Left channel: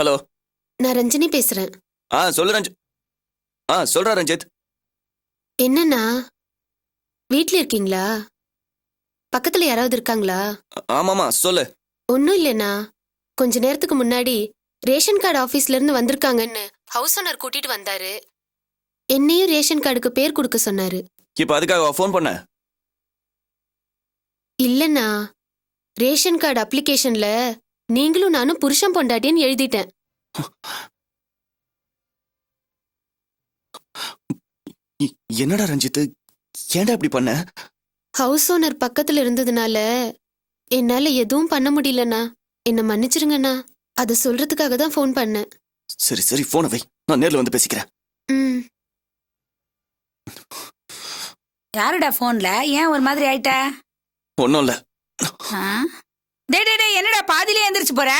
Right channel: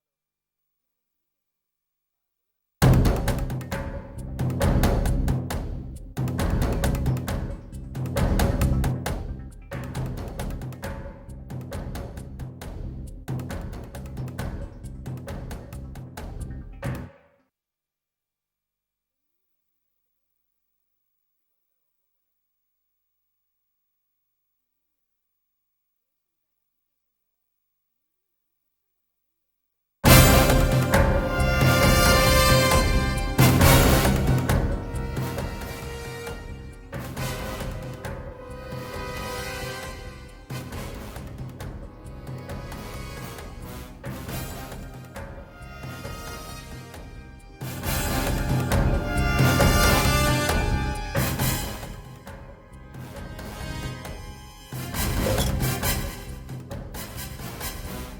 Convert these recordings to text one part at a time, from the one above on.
Hello. நான் ரஞ்சினி பேசுறேன். சொல்லு சொல்றா ரஞ்சித். என்னண்ணா வீட்ல இருக்கீங்களா? பக்கத்துல யாராவது இருக்காங்களா? ஆமாமா சொல்லு. ஒன்னும் இல்லைண்ணா, கொஞ்ச நேரத்துக்கு முன்னாடி ரேஷன் கார்டு ஆபீஸ்ல இருந்து வந்திருக்காங்கன்னு ஹவுஸ் ஓனர் கூட்டிட்டு வந்தாரு. என்னையும் ரேஷன் கார்டுக்கு பேர் கொடுக்க சொன்னாரு. இப்ப அதுக்காக ஃபோன் பண்ண? இல்லண்ணா, ரேஷன் கார்டு அப்ளிகேஷன்ல நீங்களும் நானும் புருஷன் பொண்டாட்டின்னு எழுதிட்டேன். என்னடா ரஞ்சித், ஏன்டா இப்படி பண்ண? ஹவுஸ் ஓனர் பக்கத்துல இருந்ததுனால என்னால எதுவும் பண்ண முடியலண்ணா. என்ன மன்னிச்சிருங்கண்ணா. அதை சொல்றதுக்காக தான் ஃபோன் பண்ணேன். சரி சரி, போனை வை, நான் நேர்ல வந்து பேசிக்கிறேன். யாருடா போன்ல? ஏன் ஒரு மாதிரி ஆயிட்ட? ஒன்னும் இல்ல. டேய் டேய் டேய், என்னடா பாதியிலே எந்திரிச்சு போற?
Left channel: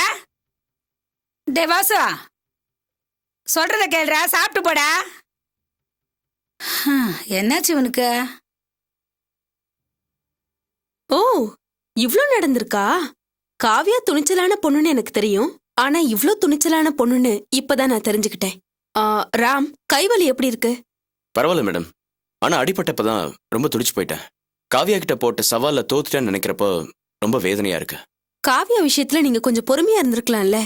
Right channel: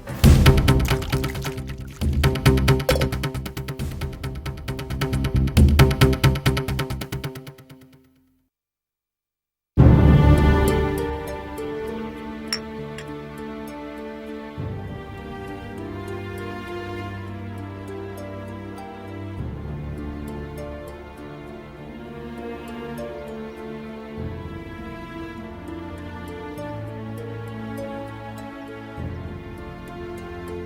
டேய் வாசு, சொல்றத கேளுடா, சாப்பிட்டு போடா. என்னாச்சு உனக்கு? ஓ, இவ்ளோ நடந்திருக்கா? காவியா துணிச்சலான பொண்ணுன்னு எனக்கு தெரியும். ஆனா இவ்ளோ துணிச்சலான பொண்ணுன்னு இப்பதான் நான் தெரிஞ்சுக்கிட்டேன். ராம், கைவலி எப்படி இருக்கு? பரவாயில்ல மேடம். ஆனா அடிபட்டப்பதான் ரொம்ப துடிச்சு போயிட்டேன். காவியா கிட்ட போட்ட சவால்ல தோத்துட்டேன்னு நினைக்கிறப்போ ரொம்ப வேதனையா இருக்கு. காவியா விஷயத்துல நீங்க கொஞ்சம் பொறுமையா இருந்திருக்கலாம்ல.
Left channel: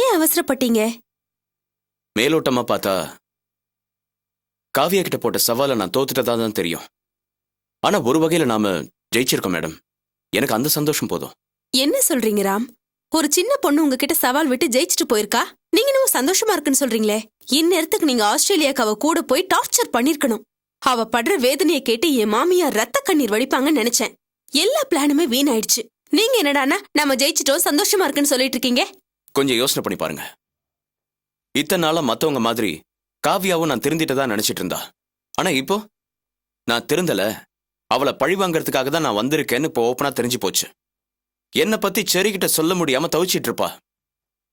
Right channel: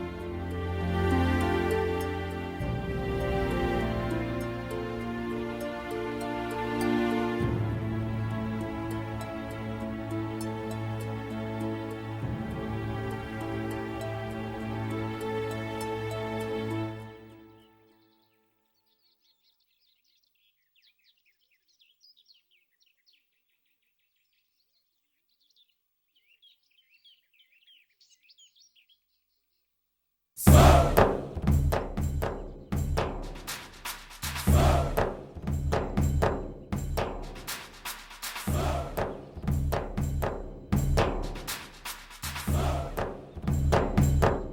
ஏன் அவசரப்பட்டீங்க? மேலோட்டமா பார்த்தா காவியா கிட்ட போட்ட சவாலை நான் தோத்துட்டதா தான் தெரியும். ஆனா ஒரு வகையில நாம ஜெயிச்சிருக்கோம் மேடம். எனக்கு அந்த சந்தோஷம் போதும். என்ன சொல்றீங்க ராம்? ஒரு சின்ன பொண்ணு உங்ககிட்ட சவால் விட்டு ஜெயிச்சுட்டு போயிருக்கா, நீங்க இன்னும் சந்தோஷமா இருக்குன்னு சொல்றீங்களே. இந்நேரத்துக்கு நீங்க ஆஸ்திரேலியாக்கு அவ கூட போய் டார்ச்சர் பண்ணிருக்கணும். அவ படுற வேதனையை கேட்டு என் மாமியார் ரத்த கண்ணீர் வடிப்பாங்கன்னு நினைச்சேன். எல்லா பிளானுமே வீணாயிடுச்சு. நீங்க என்னடானா நம்ம ஜெயிச்சிட்டோம் சந்தோஷமா இருக்குன்னு சொல்லிட்டு இருக்கீங்க? கொஞ்சம் யோசனை பண்ணி பாருங்க. இத்தனை நாளா மத்தவங்க மாதிரி காவியாவும் நான் திருந்திட்டதா நினைச்சிட்டு இருந்தா. ஆனா இப்போ நான் திருந்தல, அவளை பழி வாங்கறதுக்காக தான் நான் வந்திருக்கேன்னு இப்போ ஓப்பனா தெரிஞ்சு போச்சு. என்னை பத்தி செரிகிட்ட சொல்ல முடியாம தவிச்சிட்டு இருப்பா.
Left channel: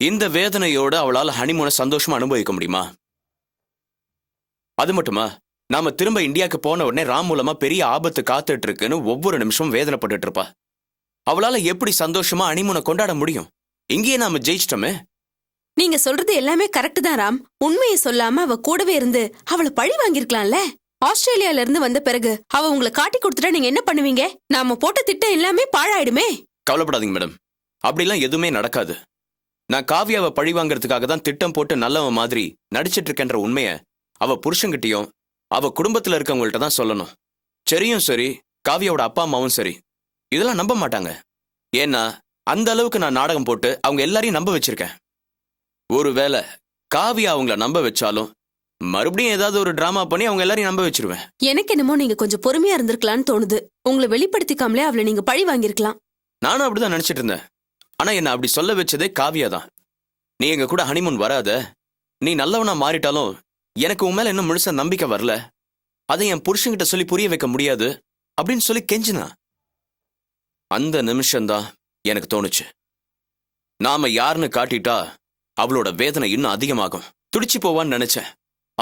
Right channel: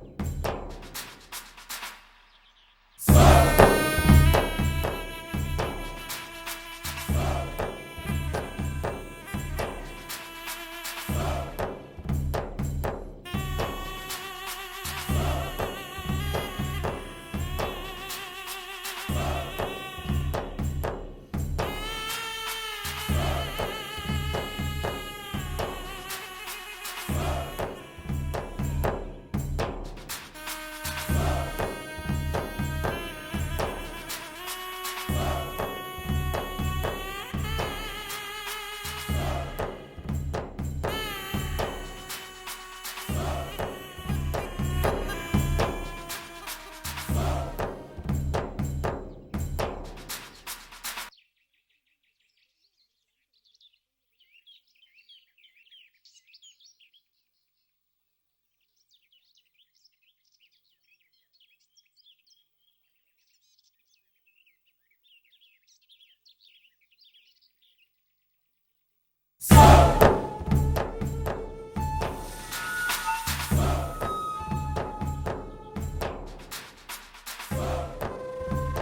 இந்த வேதனையோட அவளால ஹனிமூனை சந்தோஷமா அனுபவிக்க முடியுமா? அது மட்டுமா, நாம திரும்ப இந்தியாவுக்கு போன உடனே ராம் மூலமா பெரிய ஆபத்து காத்துட்டு இருக்குன்னு ஒவ்வொரு நிமிஷமும் வேதனைப்பட்டு இருப்பா. அவளால எப்படி சந்தோஷமா ஹனிமூனை கொண்டாட முடியும்? இங்கேயே நாம ஜெயிச்சிட்டோமே. நீங்க சொல்றது எல்லாமே கரெக்ட் தான் ராம். உண்மையை சொல்லாம அவ கூடவே இருந்து அவளை பழி வாங்கிருக்கலாம்ல. ஆஸ்திரேலியால இருந்து வந்த பிறகு அவ உங்களை காட்டி கொடுத்துட்டா நீங்க என்ன பண்ணுவீங்க? நாம போட்ட திட்டம் எல்லாமே பாழாயிடுமே. கவலைப்படாதீங்க மேடம், அப்படிலாம் எதுவுமே நடக்காது. நான் காவியாவை பழி வாங்கறதுக்காக தான் திட்டம் போட்டு நல்லவன் மாதிரி நடிச்சிட்டு இருக்கேன்ற உண்மையை அவ புருஷன்கிட்டயும் அவ குடும்பத்துல இருக்கவங்கள்ட்ட தான் சொல்லணும். சரியும் சரி, காவியாவோட அப்பா அம்மாவும் சரி, இதெல்லாம் நம்ப மாட்டாங்க. ஏன்னா அந்த அளவுக்கு நான் நாடகம் போட்டு அவங்க எல்லாரையும் நம்ப வச்சிருக்கேன். ஒருவேளை காவியா அவங்கள நம்ப வச்சாலும் மறுபடியும் ஏதாவது ஒரு டிராமா பண்ணி அவங்க எல்லாரையும் நம்ப வச்சிருவேன். எனக்கு என்னமோ நீங்க கொஞ்சம் பொறுமையா இருந்திருக்கலாம்னு தோணுது. உங்களை வெளிப்படுத்திக்காமலே அவளை நீங்க பழி வாங்கிருக்கலாம். நானும் அப்படிதான் நினைச்சிட்டு இருந்தேன். ஆனா என்ன அப்படி சொல்ல வச்சதே காவியா தான். நீ எங்க கூட ஹனிமூன் வராத, நீ நல்லவனா மாறிட்டாலும் எனக்கு உன் மேல இன்னும் முழுசா நம்பிக்கை வரல, அதை என் புருஷன்கிட்ட சொல்லி புரிய வைக்க முடியாது அப்படின்னு சொல்லி கெஞ்சினா. அந்த நிமிஷம்தான் எனக்கு தோணுச்சு, நாம யாருன்னு காட்டிட்டா அவளோட வேதனை இன்னும் அதிகமாகும், துடிச்சு போவான்னு நினைச்சேன்.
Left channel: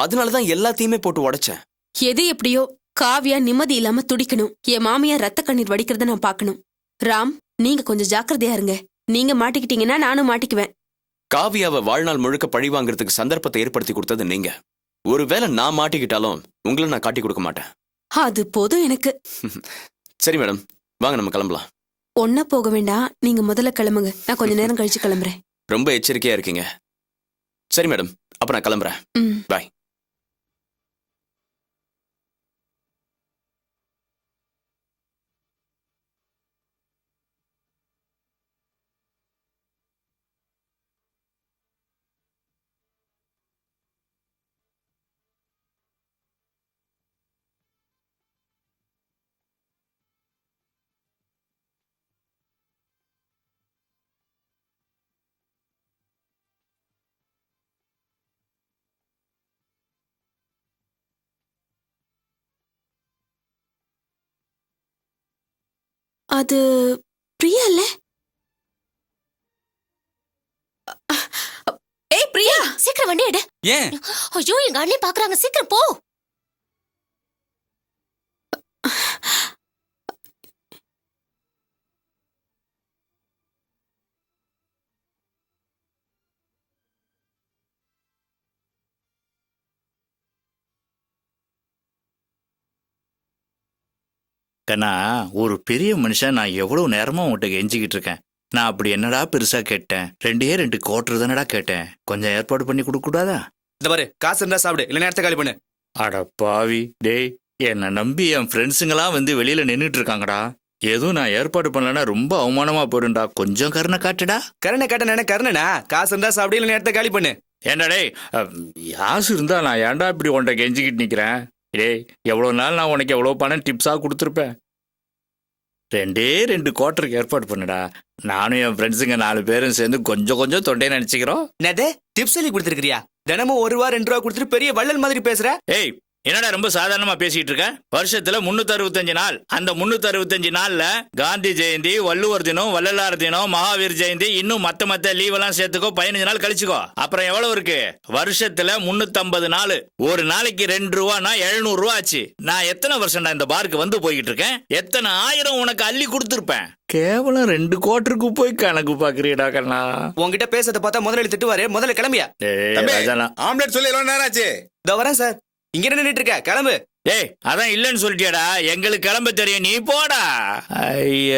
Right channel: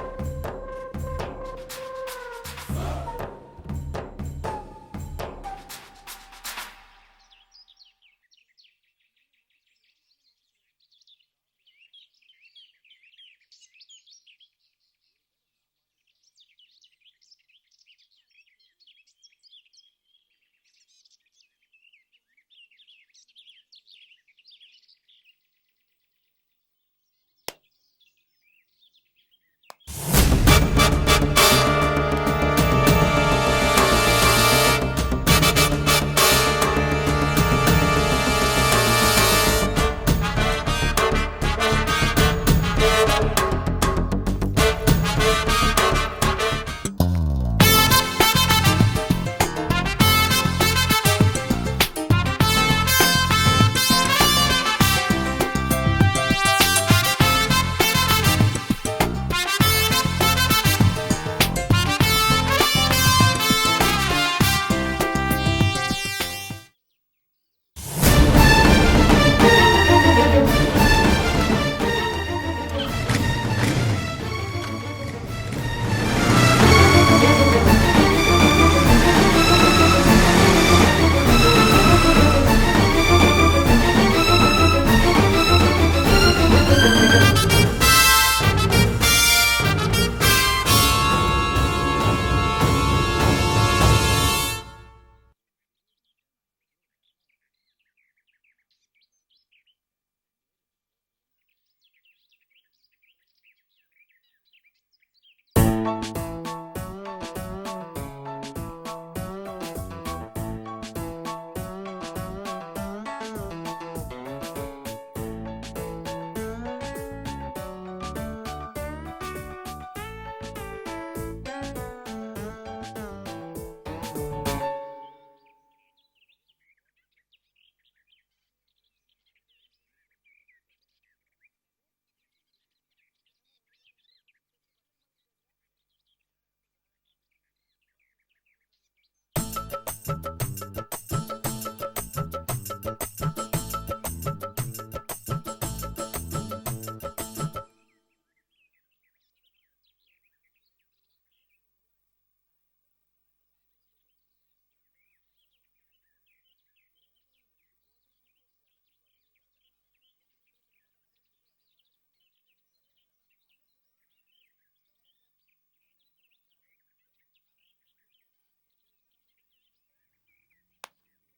அதனாலதான் எல்லாத்தையுமே போட்டு உடைச்சேன். எது எப்படியோ காவியா நிம்மதி இல்லாம துடிக்கணும், என் மாமியார் ரத்த கண்ணீர் வடிக்கிறத நான் பார்க்கணும். ராம், நீங்க கொஞ்சம் ஜாக்கிரதையா இருங்க. நீங்க மாட்டிக்கிட்டீங்கன்னா நானும் மாட்டிக்குவேன். காவியாவை வாழ்நாள் முழுக்க பழி வாங்குறதுக்கு சந்தர்ப்பத்தை ஏற்படுத்தி கொடுத்தது நீங்க. ஒருவேளை நான் மாட்டிக்கிட்டாலும் உங்களை நான் காட்டி கொடுக்க மாட்டேன். அது போதும் எனக்கு. சரி மேடம், வாங்க நம்ம கிளம்பலாம். ஒன்னா போக வேண்டாம், நீங்க முதல்ல கிளம்புங்க. நான் கொஞ்ச நேரம் கழிச்சு கிளம்புறேன். ரொம்ப எச்சரிக்கையா இருக்கீங்க. சரி மேடம், அப்ப நான் கிளம்புறேன். பாய். அது பிரியா இல்ல? ஏய் பிரியா, சீக்கிரம் வண்டி எடு. ஏன்? ஐயோ, எங்க அண்ணே பாக்குறாங்க, சீக்கிரம் போ. கண்ணா ஒரு பெரிய மனுஷன் நான் எவ்வளவு நேரமா உன்கிட்ட கெஞ்சிக்கிட்டு இருக்கேன். நான் அப்படி என்னடா பெருசா கேட்டேன்? 2 கோட்டர் தானடா கேட்டேன். கொஞ்சம் ஏற்பாடு பண்ணி கொடுக்க கூடாதா? இந்த பாரு, காசு இருந்தா சாப்பிடு, இல்ல நேரத்தை காலி பண்ணு. அட பாவி டேய், என்னை நம்பி என் ஃப்ரெண்ட்ஸுங்களாம் வந்து வெளியில நின்றுட்டு இருக்காங்கடா. எதுவும் நான் ஏற்பாடு பண்ணலன்னா ரொம்ப அவமானமா போயிடும்டா. கொஞ்சம் கருணை காட்டுடா. கருணை கேட்ட கருணா, காசு இருந்தா சாப்பிடு, இல்ல நேரத்தை காலி பண்ணு. ஏண்டா டேய், யாசு இருந்தா நான் ஏன்டா இப்படி உன்கிட்ட கெஞ்சிக்கிட்டு நிக்கிறேன்? டேய், எவ்வளவு நாள் நான் உனக்கு எவ்வளவு பணம் டிப்ஸா கொடுத்துருப்பேன். 2 கோட்டருக்கு ஏற்பாடு பண்ணுடா. நானும் என் ஃப்ரெண்ட்ஸுங்க 4 பேரும் சேர்ந்து கொஞ்சம் கொஞ்சம் தொண்டையை நினைச்சுக்கிறோம். என்னது டிப்ஸ் சொல்லி கொடுத்துருக்கிறியா? தினமும் 1 ரூபா 2 ரூபா கொடுத்துட்டு பெரிய வள்ளல் மாதிரி பேசுற. ஏய், என்னடா ரொம்ப சாதாரணமா பேசிட்டு இருக்க? வருஷத்துல 365 நாள். அந்த 365 நாள்ல காந்தி ஜெயந்தி, வள்ளுவர் தினம், வள்ளலார் தினம், மகாவீர் ஜெயந்தி, இன்னும் மத்த லீவ் எல்லாம் சேர்த்துக்கோ. 15 நாள் கழிச்சுக்கோ. அப்புறம் எவ்வளவு இருக்கு? வருஷத்துல 350 நாள். ஒரு நாளைக்கு 2 ரூபானா 700 ரூபா ஆச்சு. நான் எத்தனை வருஷம்டா இந்த பாருக்கு வந்து போய்கிட்டு இருக்கேன்? எத்தனை ஆயிரம் உனக்கு அள்ளி கொடுத்துருப்பேன். கேவலம் 2 கோட்டருக்கு போய் கணக்கு பாக்குறீடா கண்ணா. உங்ககிட்ட பேசுறத பார்த்தா முதலாளி திட்டுவாரு. முதல்ல கிளம்பியா? ஆம்லெட் சொல்லி எவ்வளவு நேரம் ஆச்சு? இதோ வரேன் சார். இங்க நின்னுட்டு இருக்க, கிளம்பு. ஏய், அதான் இல்லன்னு சொல்லிட்டியாடா. எங்களுக்கு கிளம்ப தெரியும், நீ போடா. ஐய,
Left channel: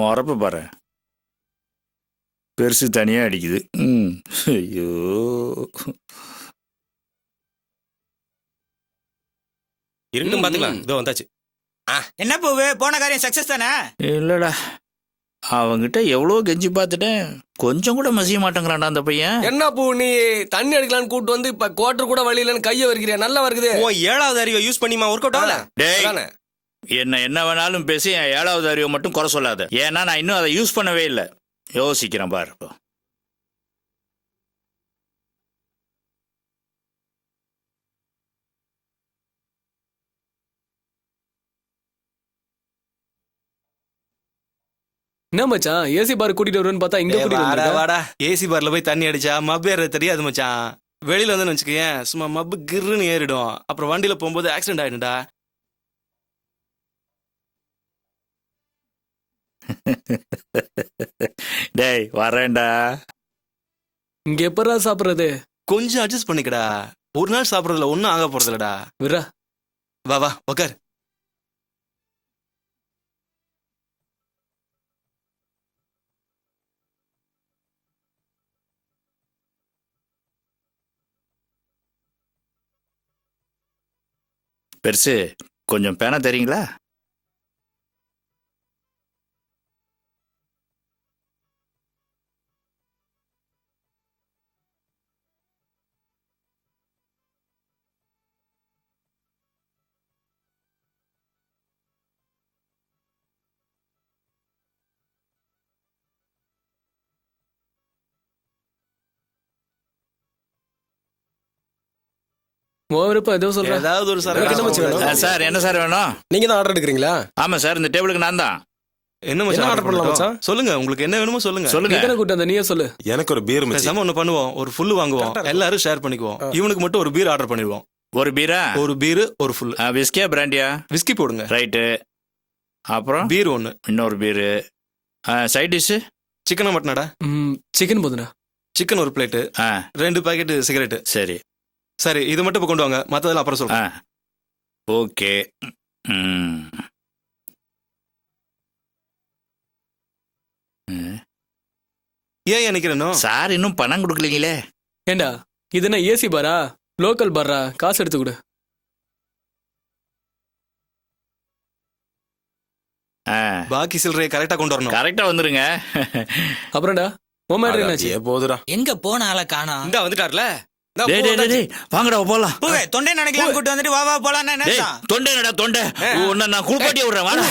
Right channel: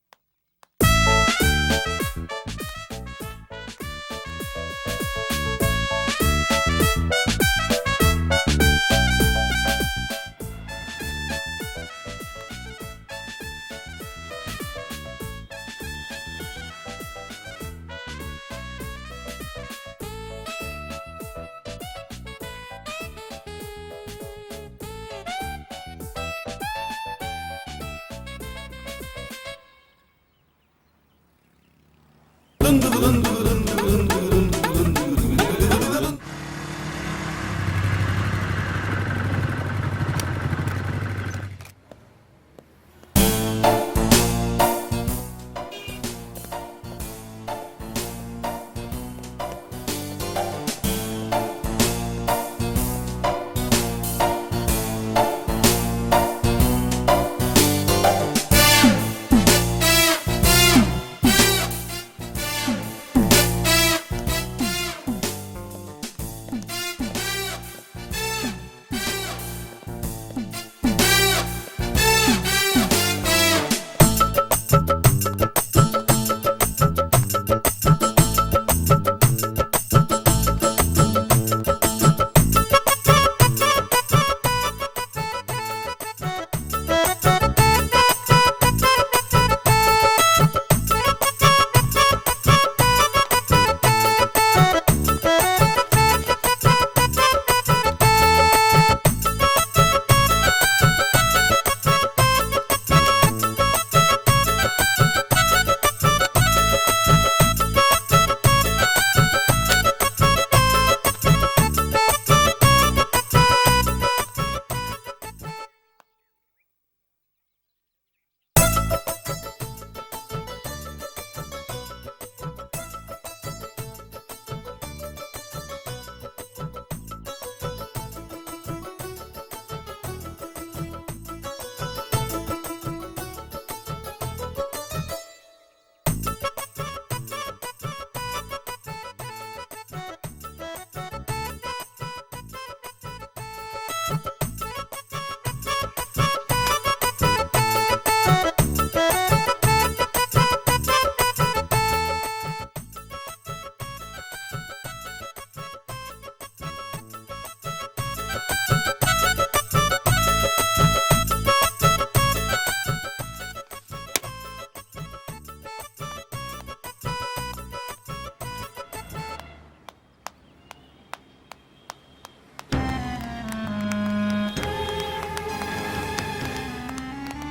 மொறப்ப பாரு, பெருசு தனியா அடிக்குது. ஐயோ, இருக்கட்டும் பாத்துக்கலாம். இதோ வந்தாச்சு. என்ன பூவு, போன காரியம் சக்சஸ் தானே? இல்லடா, அவங்கிட்ட எவ்வளவு கெஞ்சி பார்த்துட்டேன். கொஞ்சம் கூட மசிய மாட்டேங்கிறான்டா அந்த பையன். என்ன பூ, நீ தண்ணி அடிக்கலான்னு கூட்டு வந்து இப்ப கோட்டர் கூட வழியிலன்னு கைய வருகிறியா? நல்லா வருகுது. உன் 7வது அறிவை யூஸ் பண்ணிமா ஒர்க் அவுட் ஆகல? டேய், என்ன வேணாலும் பேசி என் 7வது அறிவை மட்டும் குறை சொல்லாத. ஏன்னா நான் இன்னும் அதை யூஸ் பண்ணவே இல்லை. யோசிக்கிறேன் பாரு. என்ன மச்சான், ஏசி பார் கூட்டிட்டு வருவேன்னு பார்த்தா இங்க கூட்டிட்டு வாடா வந்திருக்க. வாடா, ஏசி பார்ல போய் தண்ணி அடிச்சா மப்பு ஏறது தெரியாது மச்சான். வெளியில வந்து வச்சுக்கேன், சும்மா மப்பு கிருன்னு ஏறிடும். அப்புறம் வண்டியில போகும்போது ஆக்சிடென்ட் ஆயிடும்டா. டேய், வரேன்டா. இங்க எப்படா சாப்பிடுறது? கொஞ்சம் அட்ஜஸ்ட் பண்ணிக்கடா. ஒரு நாள் சாப்பிடறதுல ஒன்னும் ஆக போறது இல்லடா. விரா, வா வா உக்கார். பெருசு, கொஞ்சம் பேனா தெரியுங்களா? ஓவரப்பா ஏதோ சொல்றேன். ஏதாவது ஒரு சார், என்ன சார் வேணும்? நீங்க தான் ஆர்டர் எடுக்கிறீங்களா? ஆமா சார், இந்த டேபிளுக்கு நான் தான். என்ன மச்சான் ஆர்டர் பண்ணலாம் மச்சான்? சொல்லுங்க, உங்களுக்கு என்ன வேணுமோ சொல்லுங்க. சொல்லுங்க. எத்தனை கூட்டம் அந்த நீயே சொல்லு. எனக்கு ஒரு பீர் மிச்சம். பேசாம ஒண்ணு பண்ணுவோம், ஒரு ஃபுல் வாங்குவோம், எல்லாரும் ஷேர் பண்ணிக்குவோம். இவனுக்கு மட்டும் ஒரு பீர் ஆர்டர் பண்ணிடுவோம். ஒரு பீரா? ஒரு பீர், ஒரு ஃபுல். விஸ்கியா பிராண்டியா? விஸ்கி போடுங்க. ரைட்டு. அப்புறம் பீர் 1, இன்னொரு பீரு. சைட் டிஷ் சிக்கன் மட்டனாடா? சிக்கன் போதுண்ணா. சிக்கன் ஒரு பிளேட்டு, 2 பாக்கெட் சிகரெட். சரி சரி, இது மட்டும் இப்ப கொண்டு வாங்க, மத்ததெல்லாம் அப்புறம் சொல்றேன். ஓகே. ஏன் நிக்கிறேனோ? சார் இன்னும் பணம் கொடுக்கலீங்களே. ஏண்டா, இது என்ன ஏசி பாரா? லோக்கல் பாரா? காசு எடுத்து கொடு. பாக்கி சில்லறையை கரெக்டா கொண்டு வரணும். கரெக்டா வந்துருங்க. அப்புறம்டா, உன் மேட்ரு என்னாச்சு? போதுடா. எங்க போன ஆள காணோம். இந்த வந்துட்டார்ல. டேய் டேய் டேய், வாங்கடா போலாம். பூவே, தொண்டை நினைக்கலாம் கூட்டு வந்துட்டு வா வா போலாம். டேய், தொண்டை என்னடா தொண்டை? உன்னை நான் குளிப்பாட்டி விடுறேன், வாடா.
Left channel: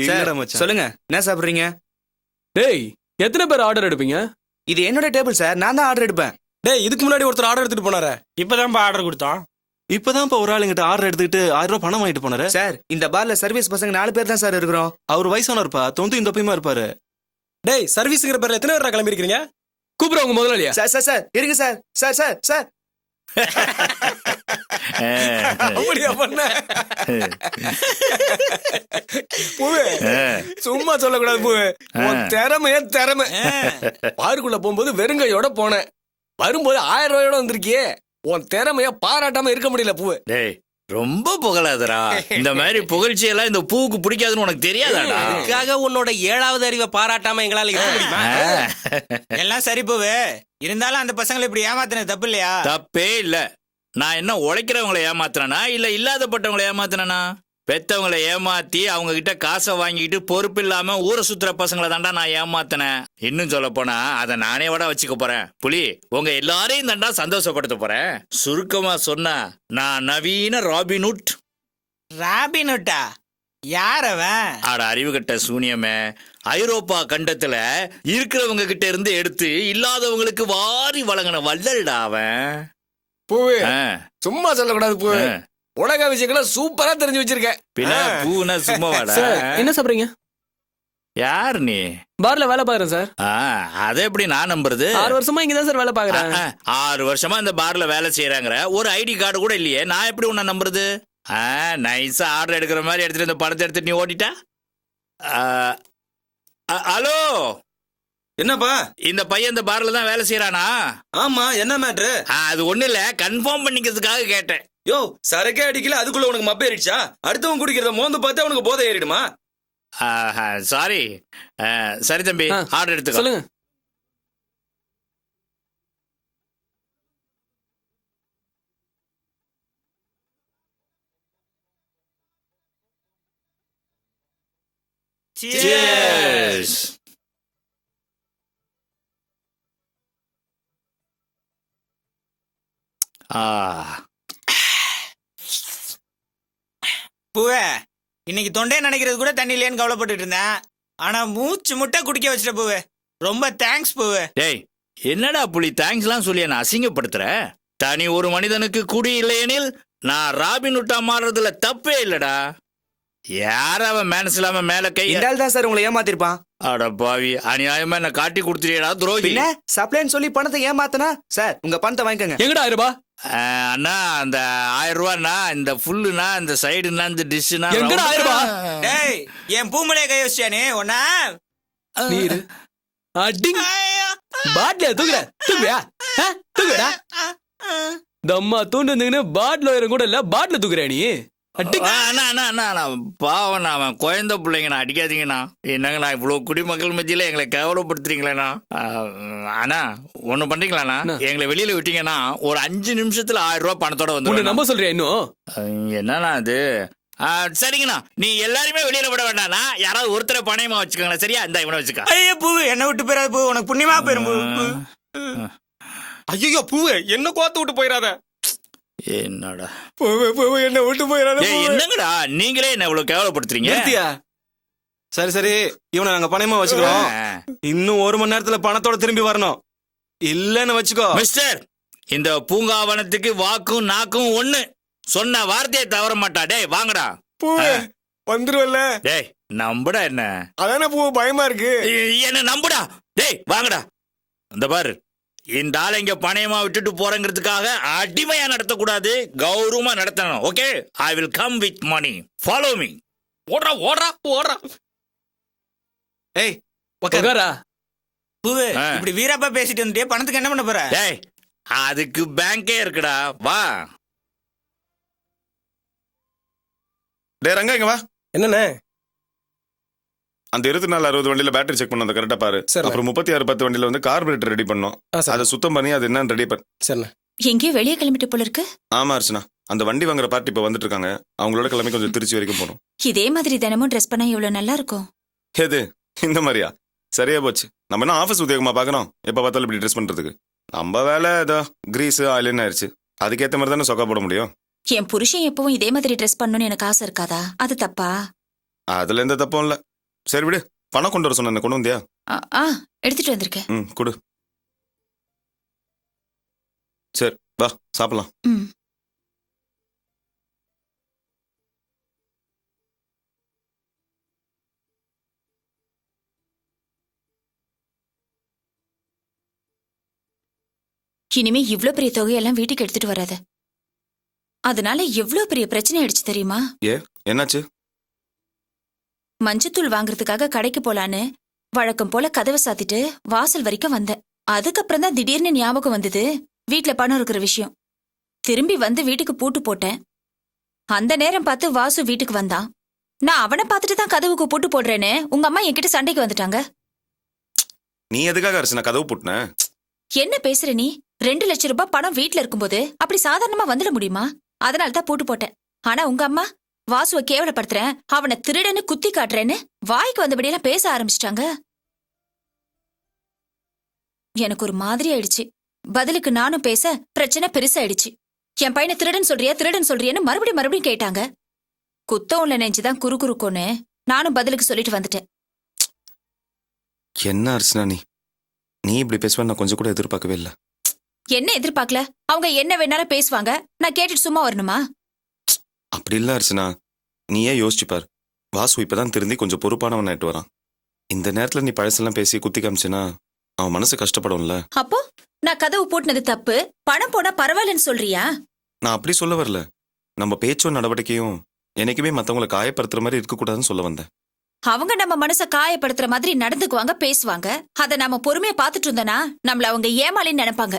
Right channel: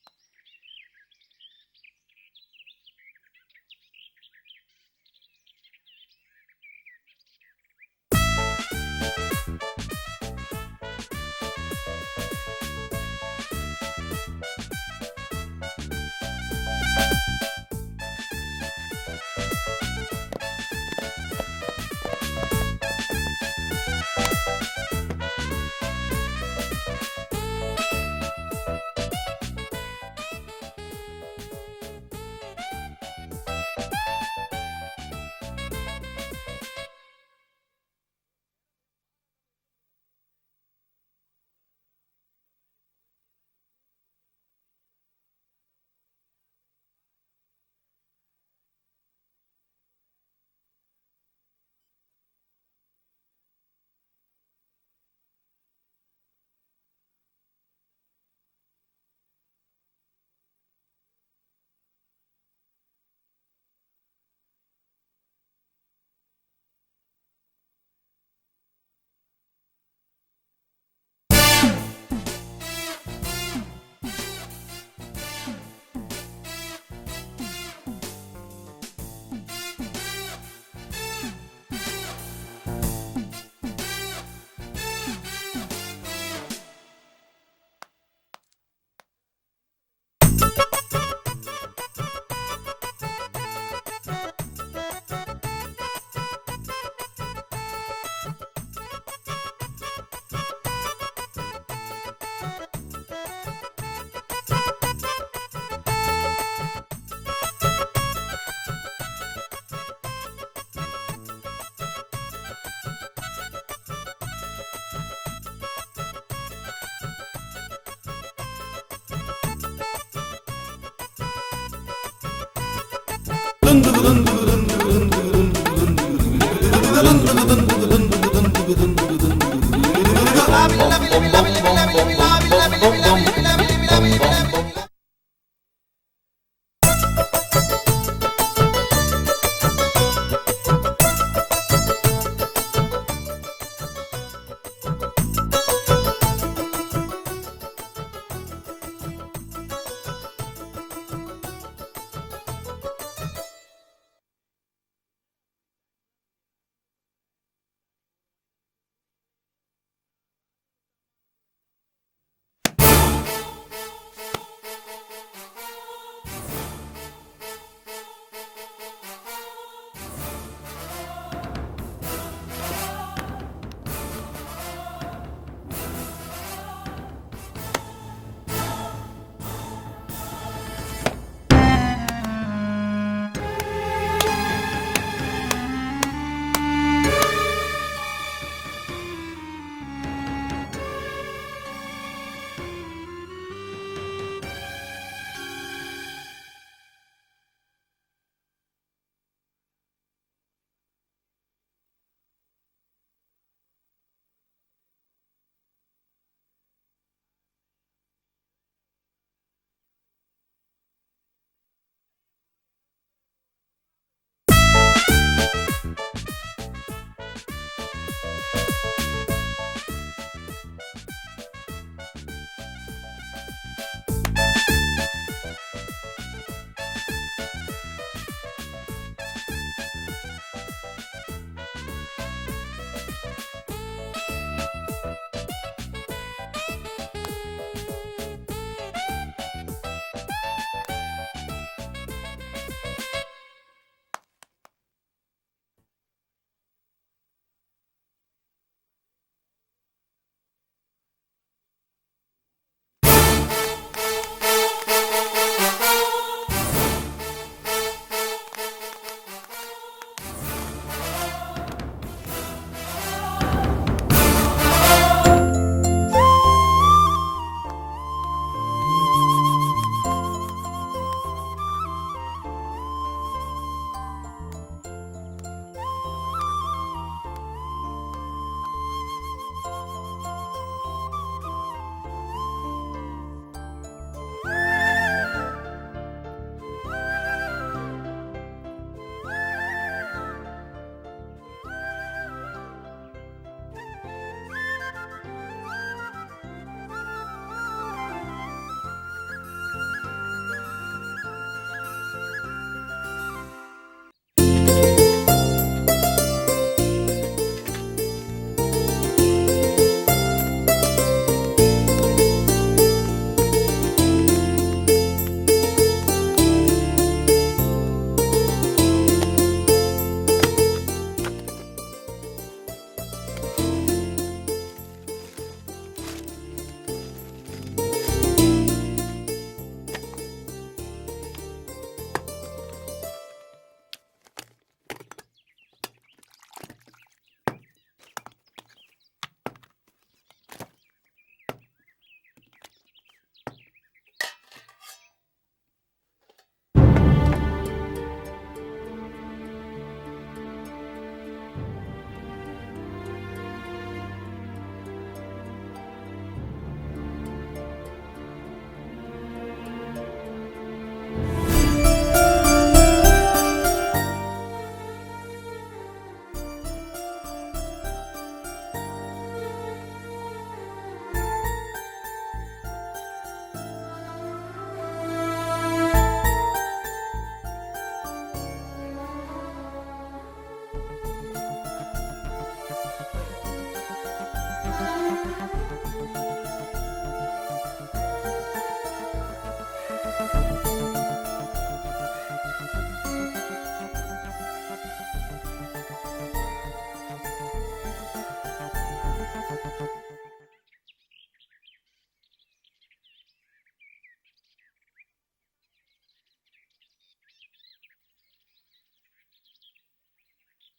இல்லடா மச்சான். சொல்லுங்க, என்ன சாப்பிடுறீங்க? டேய், எத்தனை பேர் ஆர்டர் எடுப்பீங்க? இது என்னோட டேபிள் சார், நான் தான் ஆர்டர் எடுப்பேன். டேய், இதுக்கு முன்னாடி ஒருத்தர் ஆர்டர் எடுத்துட்டு போனாரே. இப்பதான் ஆர்டர் கொடுத்தோம். இப்பதான் ஒரு ஆள் எங்கிட்ட ஆர்டர் எடுத்துக்கிட்டு 1000 ரூபாய் பணம் வாங்கிட்டு போனாரு. சார், இந்த பார்ல சர்வீஸ் பசங்க 4 பேர் தான் சார் இருக்கிறோம். அவர் வயசான இருப்பா, 90 இந்த பையமா இருப்பாரு. டேய், சர்வீஸ்ங்கிற பேர்ல எத்தனை பேர் கிளம்பி இருக்கீங்க? கூப்பிடுற உங்க முதலாளியா? சார் சார் சார், இருக்கு சார். சார் சார் சார் அப்படியா பண்ண பூவே சும்மா சொல்லக்கூடாது பூவே உன் திறமை பாருக்குள்ள போகும்போது வெறுங்கையோட போனேன், வரும்போது 1000 ரூபாயோட வந்திருக்கியே. உன் திறமைய பாராட்டாம இருக்க முடியல பூவே. டேய் ரொம்ப புகழாதரா. இந்த மாதிரி புகழ்ச்சி எல்லாம் இந்த பூவுக்கு பிடிக்காதுன்னு உனக்கு தெரியாதாடா? அதுக்காக உன்னோட 7வது அறிவை பாராட்டாம எங்களால இருக்க முடியுமா? எல்லாம் சரி போவே, இருந்தாலும் அந்த பசங்களை இப்படி ஏமாத்தினது தப்பு இல்லையா? தப்பே இல்ல. நான் என்ன உழைக்கிறவங்களை ஏமாத்துறேனா இல்ல இல்லாதப்பட்டவங்களை ஏமாத்துறேனா? பெத்தவங்களை ஏமாத்தி அவங்க கிட்ட காசை வாங்கிட்டு பொறுப்பு இல்லாம ஊரை சுத்துற பசங்களை தாண்டா நான் ஏமாத்தினேன். இன்னும் சொல்ல போனா அதை நானே விட வச்சுக்க போறேன். புலி, உங்க எல்லாரையும் தாண்டா சந்தோஷப்படுத்த போறேன். சுருக்கமா சொன்னா நான் நவீன ராபின்ஹுட். ராபின்ஹுட்டா? யார் அவன்? ஆட அறிவு கட்ட சூனியமே. ஐரோப்பா கண்டத்துல இருக்கிறவங்க கிட்ட இருந்து எடுத்து இல்லாதவங்களுக்கு வாரி வழங்கின வள்ளல்டா அவன். பூவே சும்மா சொல்லக்கூடாது பூவே. உலக விஷயங்களை சூப்பரா தெரிஞ்சு வச்சிருக்க. பின்ன பூனா சும்மா வாடா. என்ன சாப்பிடுறீங்க? யார் நீ? பார்ல வேலை பாக்குறேன் சார். அதை எப்படி நான் நம்புறது? 6 வருஷமா இங்கதான் சார் வேலை பாக்குறேன். 6 வருஷமா இந்த பார்ல வேலை செய்யறாங்கற ஒரு ஐடி கார்டு கூட இல்லையே, நான் எப்படி உன்னை நம்புறது? நைஸா ஆர்டர் எடுக்கிற மாதிரி எடுத்துட்டு இந்த படத்தை எடுத்துட்டு நீ ஓடிட்ட. ஹலோ, என்னப்பா? இந்த பையன் இந்த பார்ல தான் வேலை செய்யறானா? ஆமா, என்ன மேட்ரு? அது ஒண்ணு இல்ல, கன்ஃபார்ம் பண்ணிக்கிறதுக்காக கேட்டேன். யோ, சரக்கே அடிக்கல, அதுக்குள்ள உனக்கு மப்ப ஏறிடுச்சா? அடுத்தவன் குடிக்கிறத மோந்து பார்த்தா உனக்கு போதை ஏறிடுமா? சாரி. சரி தம்பி, ஆர்டர் எடுத்துக்கோ. சொல்லுங்க. Cheers. பூவே, இன்னைக்கு தொண்டையை நினைக்கிறது கூட தண்ணி இல்லையான்னு கவலைப்பட்டு இருந்தேன். ஆனா மூச்சு முட்டை குடிக்க வச்சிட்ட பூவே. ரொம்ப தேங்க்ஸ் பூவே. டேய், என்னடா புலி தேங்க்ஸ்லாம் சொல்லி என்ன அசிங்கப்படுத்துற? தனி ஒரு மனிதனுக்கு குடி இல்லையெனில் நான் ராபின்ஹுட்டா மாறுறதுல தப்பே இல்லடா. யார் அவன் மேனஸ் இல்லாம மேல கை? இந்தால் தான் சார் உங்களை ஏமாத்திருப்பான். அட பாவி, அநியாயமா என்ன காட்டி கொடுத்துறியடா துரோகி. பின்ன சப்ளைன்னு சொல்லி பணத்தை ஏமாத்தனா? சார் உங்க பணத்தை வாங்கிக்கோங்க. எங்கடா 1000 ரூபாய்? அண்ணா அந்த 1000 ரூபாய்னா இந்த ஃபுல்லுனா இந்த சைடுனா இந்த டிஷ்னா எங்கடா 1000 ரூபாய்? டேய், என் பூமலையை கை வச்சியானே ஒன்னா? நீரு அடி பாட்ல தூக்குடா. தூக்குடா. தம்மா தூண்டு வந்தீங்கன்னா பாட்ல உயரம் கூட இல்ல, பாட்ல தூக்குற நீ. பாவண்ணா, அவன் குழந்தை பிள்ளைங்கண்ணா, அடிக்காதீங்கண்ணா. என்னங்கண்ணா இவ்வளவு குடிமக்கள் மத்தியில எங்களை கேவலப்படுத்துறீங்களேண்ணா. அண்ணா ஒண்ணு பண்றீங்களாண்ணா, எங்களை வெளியில விட்டீங்கன்னா ஒரு 5 நிமிஷத்துல 1000 ரூபாய் பணத்தோட வந்து நம்ப சொல்றியா இன்னும்? என்னண்ணா அது? சரிங்கண்ணா, நீ எல்லாருமே வெளியில விட வேண்டாம்ண்ணா, யாராவது ஒருத்தரை பணையமா வச்சுக்கோங்களேன். சரியா? இந்த இவனை வச்சுக்க. ஐயோ பூ, என்ன விட்டு போயிடாது பூ, உனக்கு புண்ணியமா போயிரும் பூ. ஐயோ பூவே, என்ன கோத்து விட்டு போயிடாத. என்னடா பூவே என்ன விட்டு போயிடாத. என்னங்கடா நீங்களே என்ன இவ்வளவு கேவலப்படுத்துறீங்க? சரி சரி, இவனை நாங்க பணமா வச்சுக்கிறோம். இன்னும் 1 மணி நேரத்துல பணத்தோட திரும்பி வரணும். இல்லன்னு வச்சுக்கோ. மிஸ்டர், இந்த பூங்காவனத்துக்கு வாக்கும் நாக்கும் ஒண்ணு. சொன்ன வார்த்தையை தவற மாட்டா. டேய் வாங்கடா. பூவே வந்துருவல்ல? டேய் நம்புடா. என்ன அதானே பூ பயமா இருக்கு. என்ன நம்புடா. டேய் வாங்கடா. இந்த பாரு, இந்த ஆளை இங்க பணையமா விட்டுட்டு போறங்கிறதுக்காக அடிமையா நடத்தக்கூடாது, கௌரவமா நடத்தணும். Okay, I will come with money. Follow me. ஓடுறா ஓடுறா ஓடுறா. ஏய் உட்காரா. பூவே, இப்படி வீரப்பா பேசிட்டு வந்துட்டே பணத்துக்கு என்ன பண்ண போற? டேய், அதுக்கு பேங்கே இருக்குடா. வா. டேய் ரங்கா, இங்க வா. என்னண்ணே? அந்த 2460 வண்டியில பேட்டரி செக் பண்ணோம், கரெக்டா பாரு. அப்புறம் 3610 வண்டியில வந்து கார்பரேட்டர் ரெடி பண்ணோம். அதை சுத்தம் பண்ணி அது என்னன்னு ரெடி பண்ணு. சரிண்ணே. எங்கேயோ வெளியே கிளம்பிட்டு போல இருக்கு. ஆமா அர்ச்சனா, அந்த வண்டி வாங்குற பார்ட்டி இப்ப வந்துட்டு இருக்காங்க. அவங்களோட கிளம்பி கொஞ்சம் திருச்சி வரைக்கும் போகணும். இதே மாதிரி தினமும் ட்ரெஸ் பண்ணா எவ்வளவு நல்லா இருக்கும். எது இந்த மாதிரியா? சரியா போச்சு. நம்ம என்ன ஆபீஸ் உத்தியோகமா பாக்குறோம்? எப்ப பார்த்தாலும் இப்படி ட்ரெஸ் பண்றதுக்கு. நம்ம வேலை ஏதோ கிரீஸ் ஆயில்னு ஆயிடுச்சு. அதுக்கேற்ற மாதிரி தானே சொக்கா போட முடியும். என் புருஷன் எப்பவும் இதே மாதிரி ட்ரெஸ் பண்ணணும்னு எனக்கு ஆசை இருக்காதா? அது தப்பா? அதுல எந்த தப்பும் இல்ல. சரி விடு, பணம் கொண்டு வர சொன்ன, கொண்டு வந்தியா? எடுத்துட்டு வந்திருக்கேன். கொடு. சரி வா சாப்பிடலாம். இனிமே இவ்ளோ பெரிய தொகையெல்லாம் வீட்டுக்கு எடுத்துட்டு வராது. அதனால எவ்வளவு பெரிய பிரச்சனை ஆயிடுச்சு தெரியுமா? ஏ என்னாச்சு? மஞ்சத்தூள் வாங்குறதுக்காக கடைக்கு போலான்னு வழக்கம் போல கதவை சாத்திட்டு வாசல் வரைக்கும் வந்தேன். அதுக்கப்புறம் தான் திடீர்னு ஞாபகம் வந்தது வீட்ல பணம் இருக்கிற விஷயம். திரும்பி வந்து வீட்டுக்கு பூட்டு போட்டேன். அந்த நேரம் பார்த்து வாசு வீட்டுக்கு வந்தான். நான் அவனை பார்த்துட்டு தான் கதவுக்கு பூட்டு போடுறேன்னு உங்க அம்மா என்கிட்ட சண்டைக்கு வந்துட்டாங்க. நீ எதுக்காக அரிசி நான் கதவு போட்டுன? என்ன பேசுற நீ? 2 லட்சம் ரூபாய் பணம் வீட்ல இருக்கும்போது அப்படி சாதாரணமா வந்துட முடியுமா? அதனால தான் பூட்டு போட்டேன். ஆனா உங்க அம்மா வாசுவை கேவலப்படுத்துறேன், அவனை திருடன்னு குத்தி காட்டுறேன்னு வாய்க்கு வந்தபடியெல்லாம் பேச ஆரம்பிச்சிட்டாங்க. எனக்கு ஒரு மாதிரி ஆயிடுச்சு. பதிலுக்கு நானும் பேச பிரச்சனை பெருசாயிடுச்சு. என் பையனை திருடன் சொல்றியான்னு மறுபடியும் கேட்டாங்க. குத்தவும்ல நெஞ்சுதான் குறுக்குறுக்கோன்னு நானும் பதிலுக்கு சொல்லிட்டு வந்துட்டேன். என்ன அர்ச்சனா நீ இப்படி பேசுவேன்னு நான் கொஞ்சம் கூட எதிர்பார்க்கவே இல்லை. என்ன எதிர்பார்க்கல? அவங்க என்ன வேணாலும் பேசுவாங்க, நான் கேட்டுட்டு சும்மா வரணுமா? அப்படி இல்ல அர்ச்சனா, நீயே யோசிச்சு பார். வாசு இப்பதான் திருந்தி கொஞ்சம் பொறுப்பானவன் ஆயிட்டு வரான். இந்த நேரத்துல நீ பழசெல்லாம் பேசி குத்தி காமிச்சினா அவன் மனசு கஷ்டப்படும்ல. அப்போ நான் கதவு பூட்டினது தப்பு, பணம் போனா பரவாயில்லன்னு சொல்றியா? நான் அப்படி சொல்ல வரல. நம்ம பேச்சும் நடவடிக்கையும் என்னைக்குமே மத்தவங்களை காயப்படுத்துற மாதிரி இருக்க கூடாதுன்னு சொல்ல வந்தேன். அவங்க நம்ம மனச காயப்படுத்துற மாதிரி நடந்துக்குவாங்க, பேசுவாங்க. அத நாம பொறுமையா பாத்துட்டு இருந்தோம்னா நம்மள அவங்க ஏமாளின்னு நினைப்பாங்க.